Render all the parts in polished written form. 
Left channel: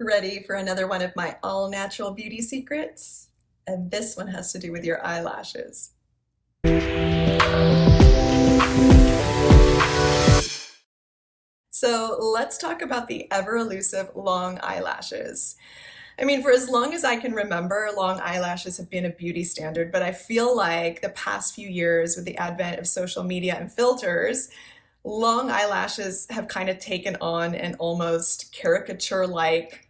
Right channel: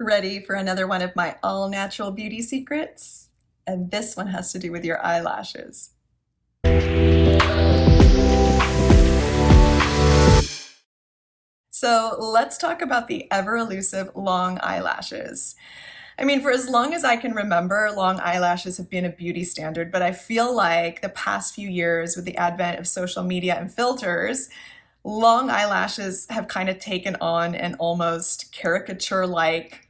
Ready for another one of my all natural beauty secrets? And this one has to do with your eyelashes. So let's talk about the ever elusive long eyelashes. I mean, for as long as I can remember, long eyelashes have been a beauty standard, but I feel like the past few years with the advent of social media and filters, long eyelashes have kind of taken on an almost caricature-like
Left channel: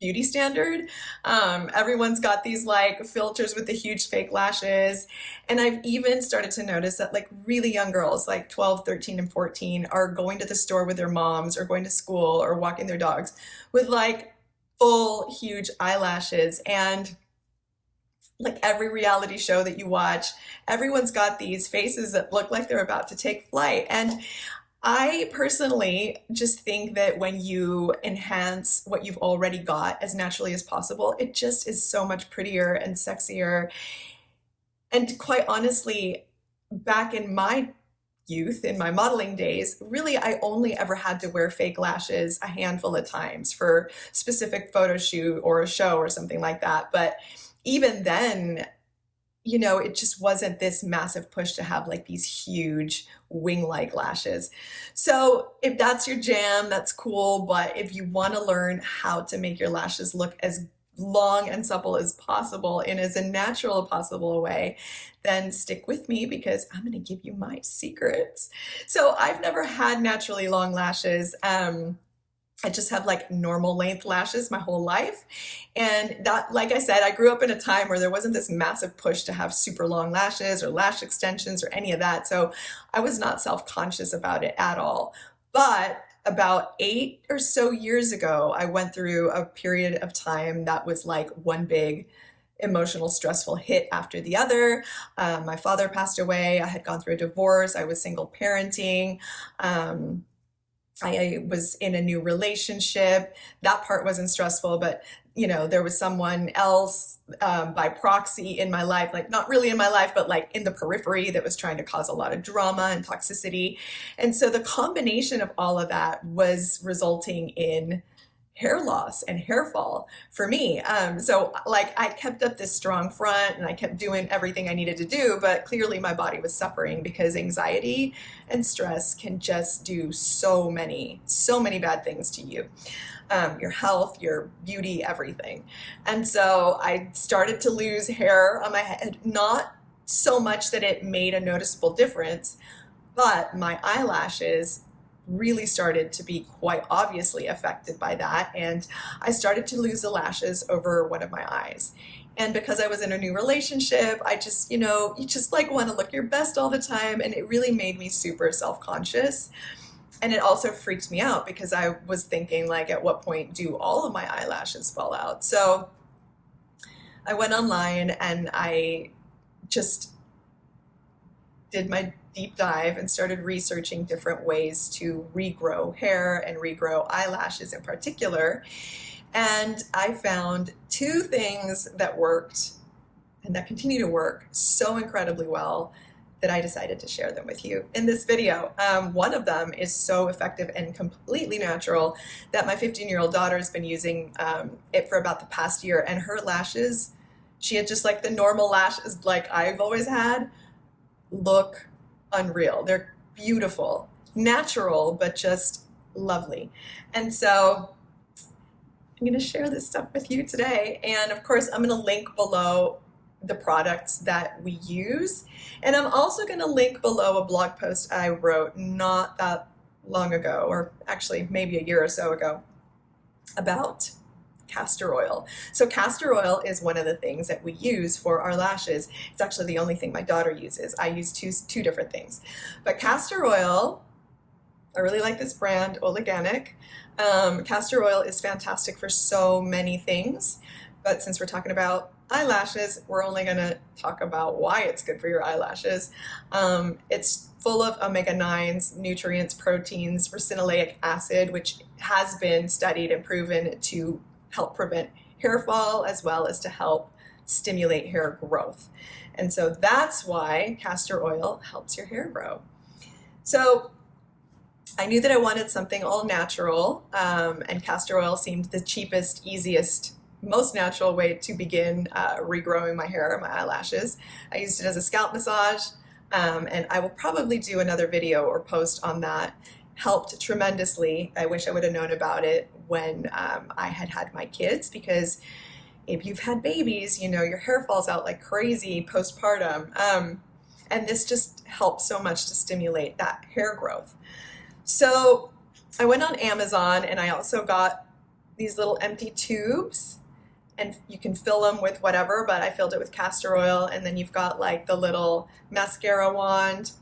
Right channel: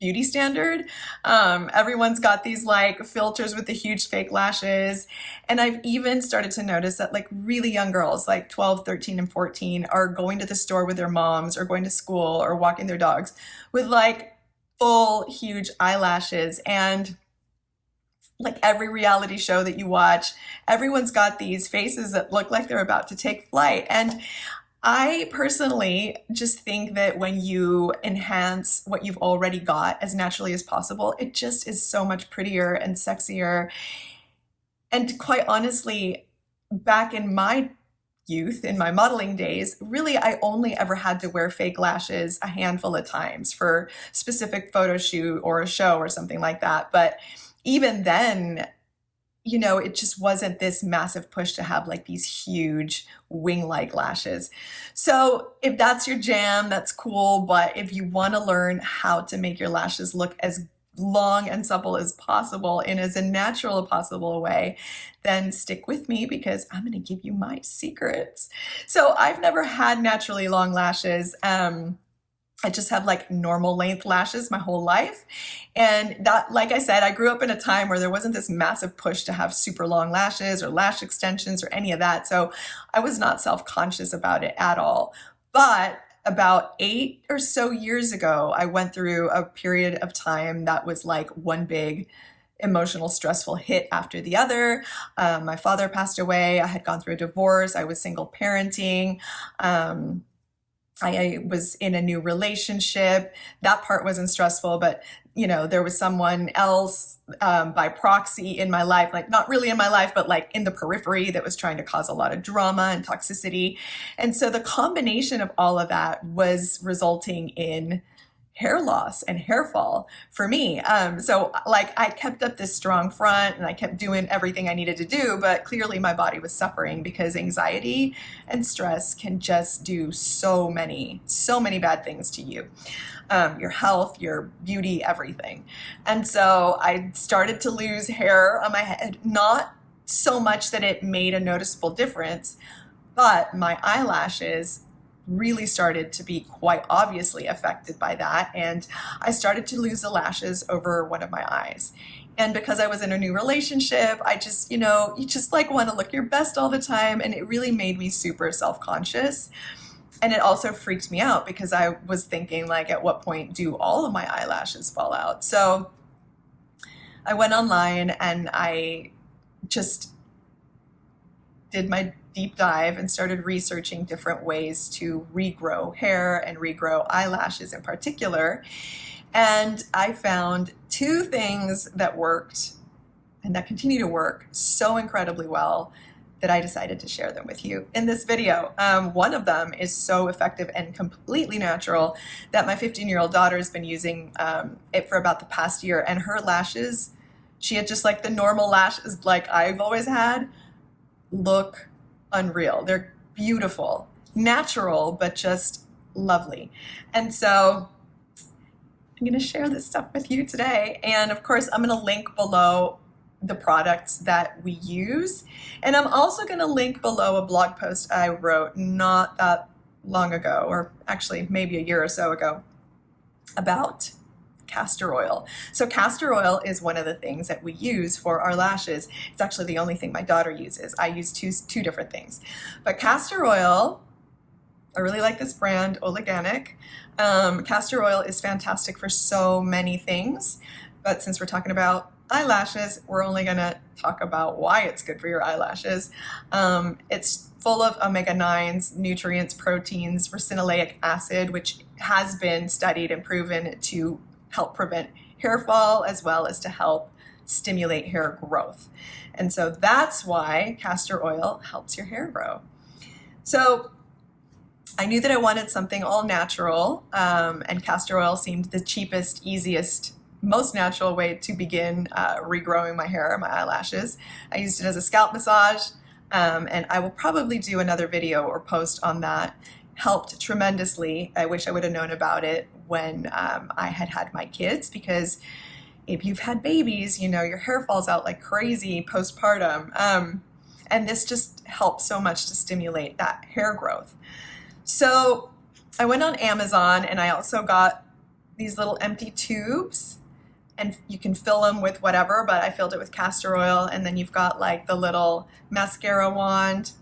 beauty standard. Everyone's got these like filters with the huge fake lashes. And I've even started to notice that like really young girls, like 12, 13, and 14, are going to the store with their moms or going to school or walking their dogs with like full, huge eyelashes. And like every reality show that you watch, everyone's got these faces that look like they're about to take flight. And I personally just think that when you enhance what you've already got as naturally as possible, it just is so much prettier and sexier. And quite honestly, back in my youth, in my modeling days, really I only ever had to wear fake lashes a handful of times for specific photo shoot or a show or something like that. But even then, it just wasn't this massive push to have like these huge wing-like lashes. So if that's your jam, that's cool. But if you want to learn how to make your lashes look as long and supple as possible in as a natural possible way, then stick with me because I'm going to give you my secrets. So I've never had naturally long lashes. I just have like normal length lashes my whole life. And that, like I said, I grew up in a time where there wasn't this massive push to have super long lashes or lash extensions or any of that. So I was not self-conscious about it at all. But about 8 or so years ago, I went through a period of time that was like one big emotional, stressful hit after the other. My father passed away. I had gone through a divorce. I was single parenting. I was in a new relationship. That part wasn't stressful, but there was someone else by proxy in my life, like not really in my life, but like in the periphery that was trying to cause a lot of drama and toxicity. And so the combination of all of that was resulting in hair loss and hair fall for me. So like I kept up this strong front and I kept doing everything I needed to do, but clearly my body was suffering because anxiety and stress can just do so many bad things to you. Your health, your beauty, everything. And so I started to lose hair on my head, not so much that it made a noticeable difference, but my eyelashes really started to be quite obviously affected by that. And I started to lose the lashes over one of my eyes. And because I was in a new relationship, I just, you just like want to look your best all the time. And it really made me super self-conscious. And it also freaked me out because I was thinking like, at what point do all of my eyelashes fall out? So I went online and I just did my deep dive and started researching different ways to regrow hair and regrow eyelashes in particular. And I found 2 things that worked and that continue to work so incredibly well that I decided to share them with you in this video. One of them is so effective and completely natural that my 15-year-old daughter has been using it for about the past year, and her lashes, she had just like the normal lashes like I've always had, look unreal. They're beautiful, natural, but just lovely. And so I'm going to share this stuff with you today. And of course, I'm going to link below the products that we use. And I'm also going to link below a blog post I wrote not that long ago, or actually maybe a year or so ago, about castor oil. So castor oil is one of the things that we use for our lashes. It's actually the only thing my daughter uses. I use two different things. But castor oil, I really like this brand, Organic. Castor oil is fantastic for so many things. But since we're talking about eyelashes, we're only going to talk about why it's good for your eyelashes. It's full of omega-9s, nutrients, proteins, ricinoleic acid, which has been studied and proven to help prevent hair fall as well as to help stimulate hair growth. And so that's why castor oil helps your hair grow. So I knew that I wanted something all natural, and castor oil seemed the cheapest, easiest, most natural way to begin regrowing my hair, my eyelashes. I used it as a scalp massage, and I will probably do another video or post on that. Helped tremendously. I wish I would have known about it when I had my kids, because if you've had babies, you know, your hair falls out like crazy postpartum. And this just helps so much to stimulate that hair growth. So I went on Amazon and I also got these little empty tubes, and you can fill them with whatever, but I filled it with castor oil, and then you've got like the little mascara wand.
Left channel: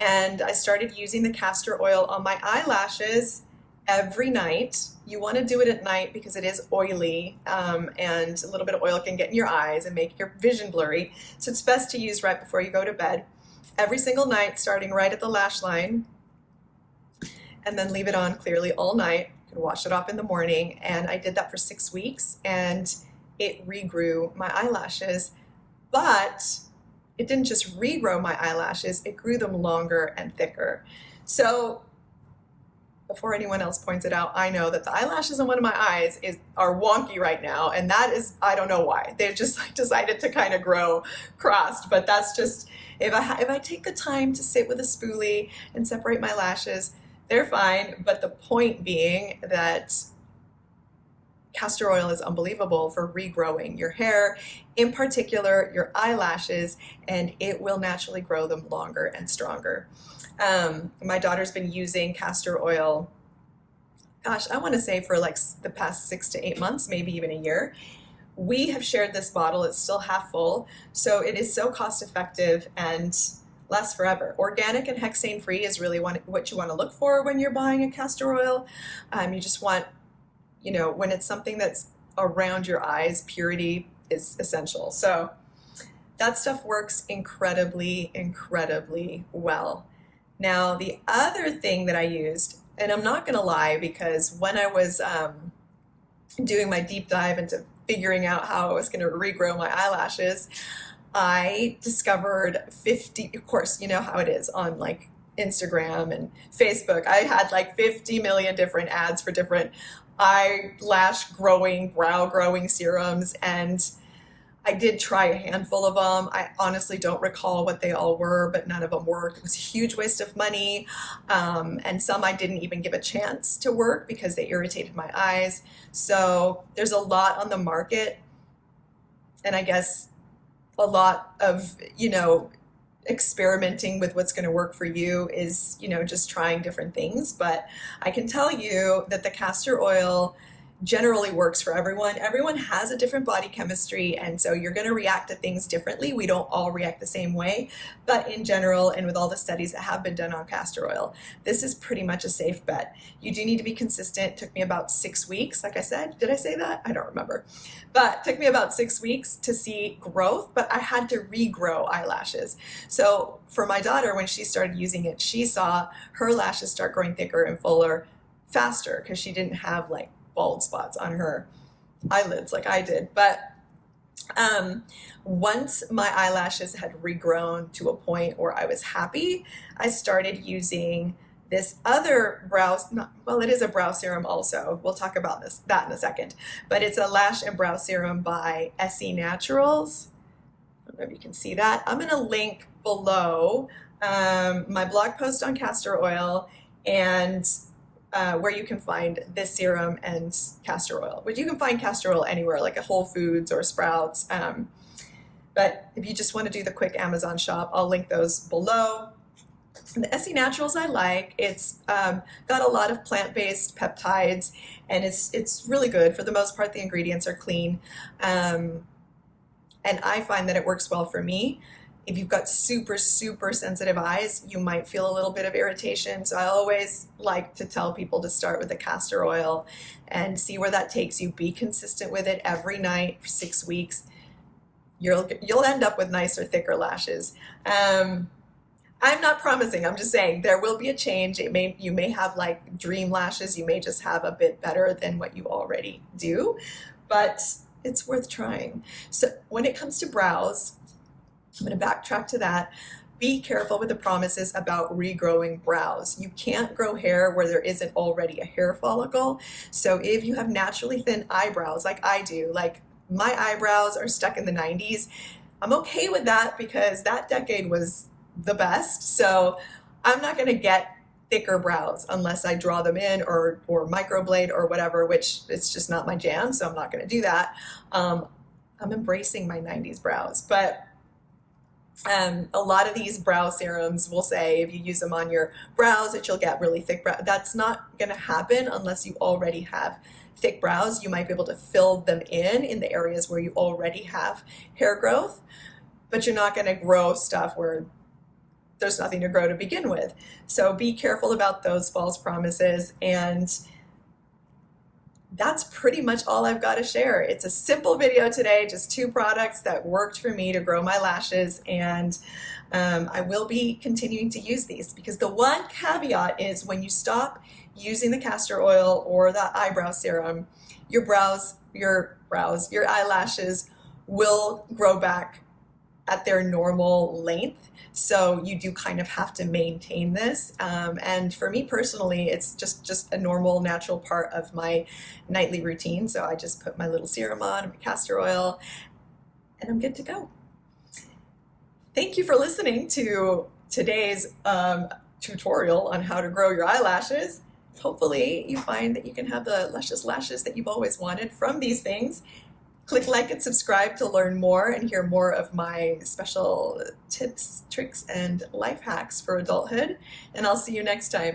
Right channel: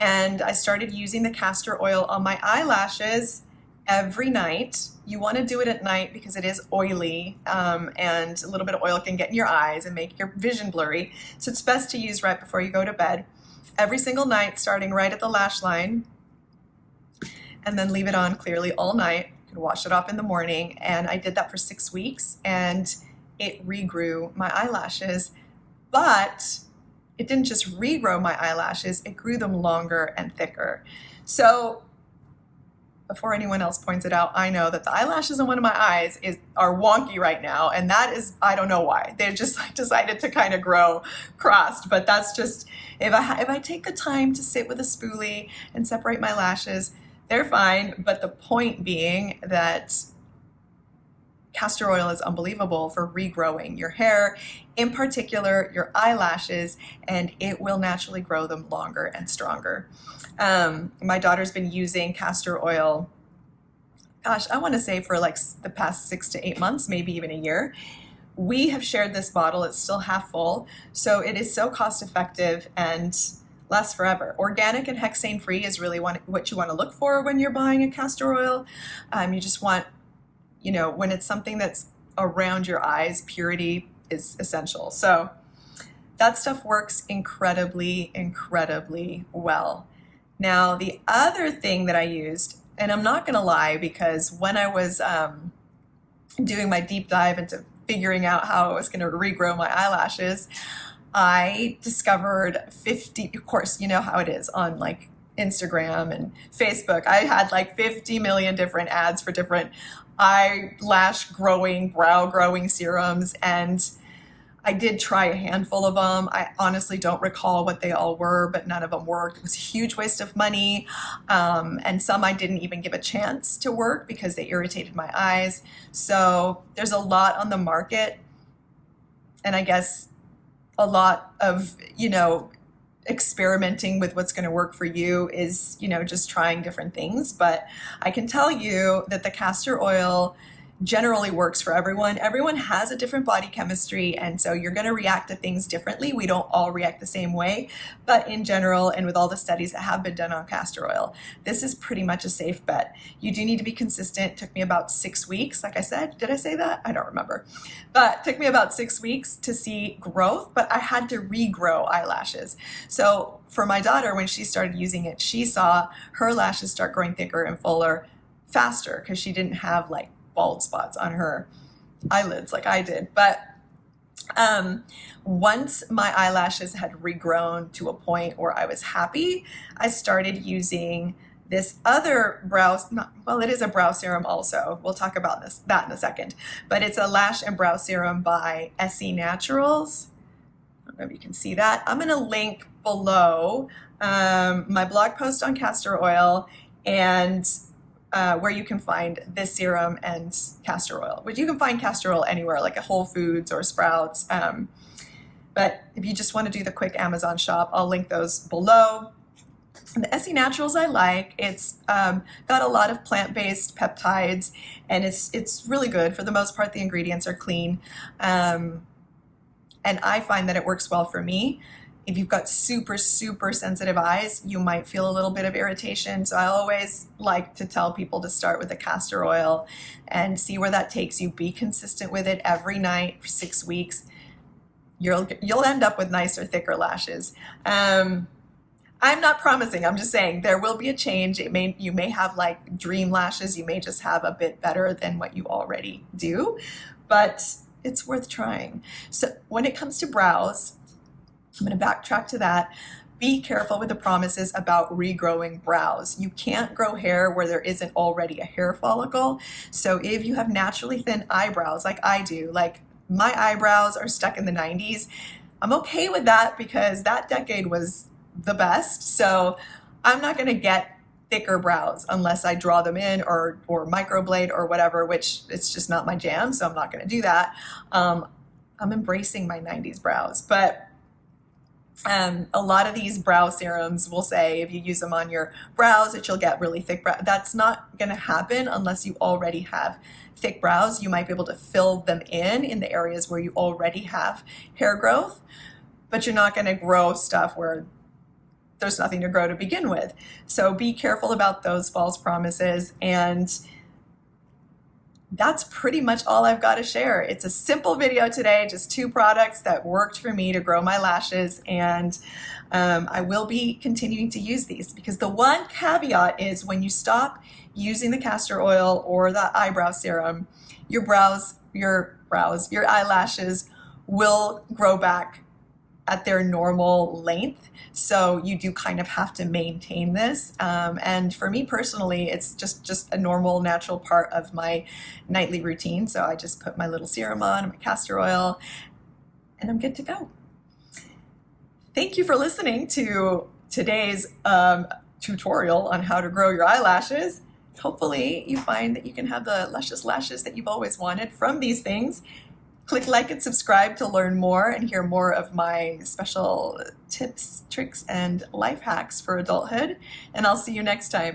And I started using the castor oil on my eyelashes every night. You want to do it at night because it is oily, and a little bit of oil can get in your eyes and make your vision blurry. So it's best to use right before you go to bed. Every single night, starting right at the lash line, and then leave it on clearly all night. You can wash it off in the morning. And I did that for 6 weeks, and it regrew my eyelashes. But it didn't just regrow my eyelashes, it grew them longer and thicker. So before anyone else points it out, I know that the eyelashes in one of my eyes are wonky right now, and that is, I don't know why. They just like decided to kind of grow crossed, but that's just, if I take the time to sit with a spoolie and separate my lashes, they're fine. But the point being that castor oil is unbelievable for regrowing your hair, in particular your eyelashes, and it will naturally grow them longer and stronger. My daughter's been using castor oil, gosh, I want to say for like the past 6 to 8 months, maybe even a year. We have shared this bottle. It's still half full. So it is so cost effective and lasts forever. Organic and hexane free is really what you want to look for when you're buying a castor oil. You just want, you know, when it's something that's around your eyes, purity is essential. So that stuff works incredibly, incredibly well. Now, the other thing that I used, and I'm not going to lie, because when I was doing my deep dive into figuring out how I was going to regrow my eyelashes, I discovered 50, of course, you know how it is on like Instagram and Facebook. I had like 50 million different ads for different eyelash growing, brow growing serums, and I did try a handful of them. I honestly don't recall what they all were, but none of them worked. It was a huge waste of money, and some I didn't even give a chance to work because they irritated my eyes. So there's a lot on the market, and I guess a lot of, you know, experimenting with what's going to work for you is, you know, just trying different things. But I can tell you that the castor oil generally works for everyone. Everyone has a different body chemistry, and so you're going to react to things differently. We don't all react the same way, but in general, and with all the studies that have been done on castor oil, this is pretty much a safe bet. You do need to be consistent. It took me about 6 weeks. Like I said, did I say that? I don't remember, but it took me about 6 weeks to see growth, but I had to regrow eyelashes. So for my daughter, when she started using it, she saw her lashes start growing thicker and fuller faster because she didn't have like bald spots on her eyelids like I did. But once my eyelashes had regrown to a point where I was happy, I started using this other it is a brow serum also. We'll talk about that in a second. But it's a lash and brow serum by Essy Naturals. I don't know if you can see that. I'm going to link below my blog post on castor oil and where you can find this serum and castor oil. But you can find castor oil anywhere, like at Whole Foods or Sprouts. But if you just want to do the quick Amazon shop, I'll link those below. The Essy Naturals I like. It's got a lot of plant-based peptides, and it's really good. For the most part, the ingredients are clean. And I find that it works well for me. If you've got super, super sensitive eyes, you might feel a little bit of irritation. So I always like to tell people to start with the castor oil and see where that takes you. Be consistent with it every night for 6 weeks. You'll end up with nicer, thicker lashes. I'm not promising. I'm just saying there will be a change. You may have like dream lashes. You may just have a bit better than what you already do, but it's worth trying. So when it comes to brows, I'm going to backtrack to that be careful with the promises about regrowing brows. You can't grow hair where there isn't already a hair follicle. So if you have naturally thin eyebrows like I do, like my eyebrows are stuck in the 90s, I'm okay with that because that decade was the best. So I'm not going to get thicker brows unless I draw them in or microblade or whatever, which it's just not my jam. So I'm not going to do that. I'm embracing my 90s brows, but a lot of these brow serums will say if you use them on your brows that you'll get really thick brows. That's not going to happen unless you already have thick brows. You might be able to fill them in the areas where you already have hair growth, but you're not going to grow stuff where there's nothing to grow to begin with. So be careful about those false promises. And that's pretty much all I've got to share. It's a simple video today, just 2 products that worked for me to grow my lashes. And I will be continuing to use these because the one caveat is when you stop using the castor oil or the eyebrow serum, your eyelashes will grow back at their normal length. So you do kind of have to maintain this. And for me personally, it's just a normal, natural part of my nightly routine. So I just put my little serum on, my castor oil, and I'm good to go. Thank you for listening to today's tutorial on how to grow your eyelashes. Hopefully you find that you can have the luscious lashes that you've always wanted from these things. Click like and subscribe to learn more and hear more of my special tips, tricks, and life hacks for adulthood. And I'll see you next time.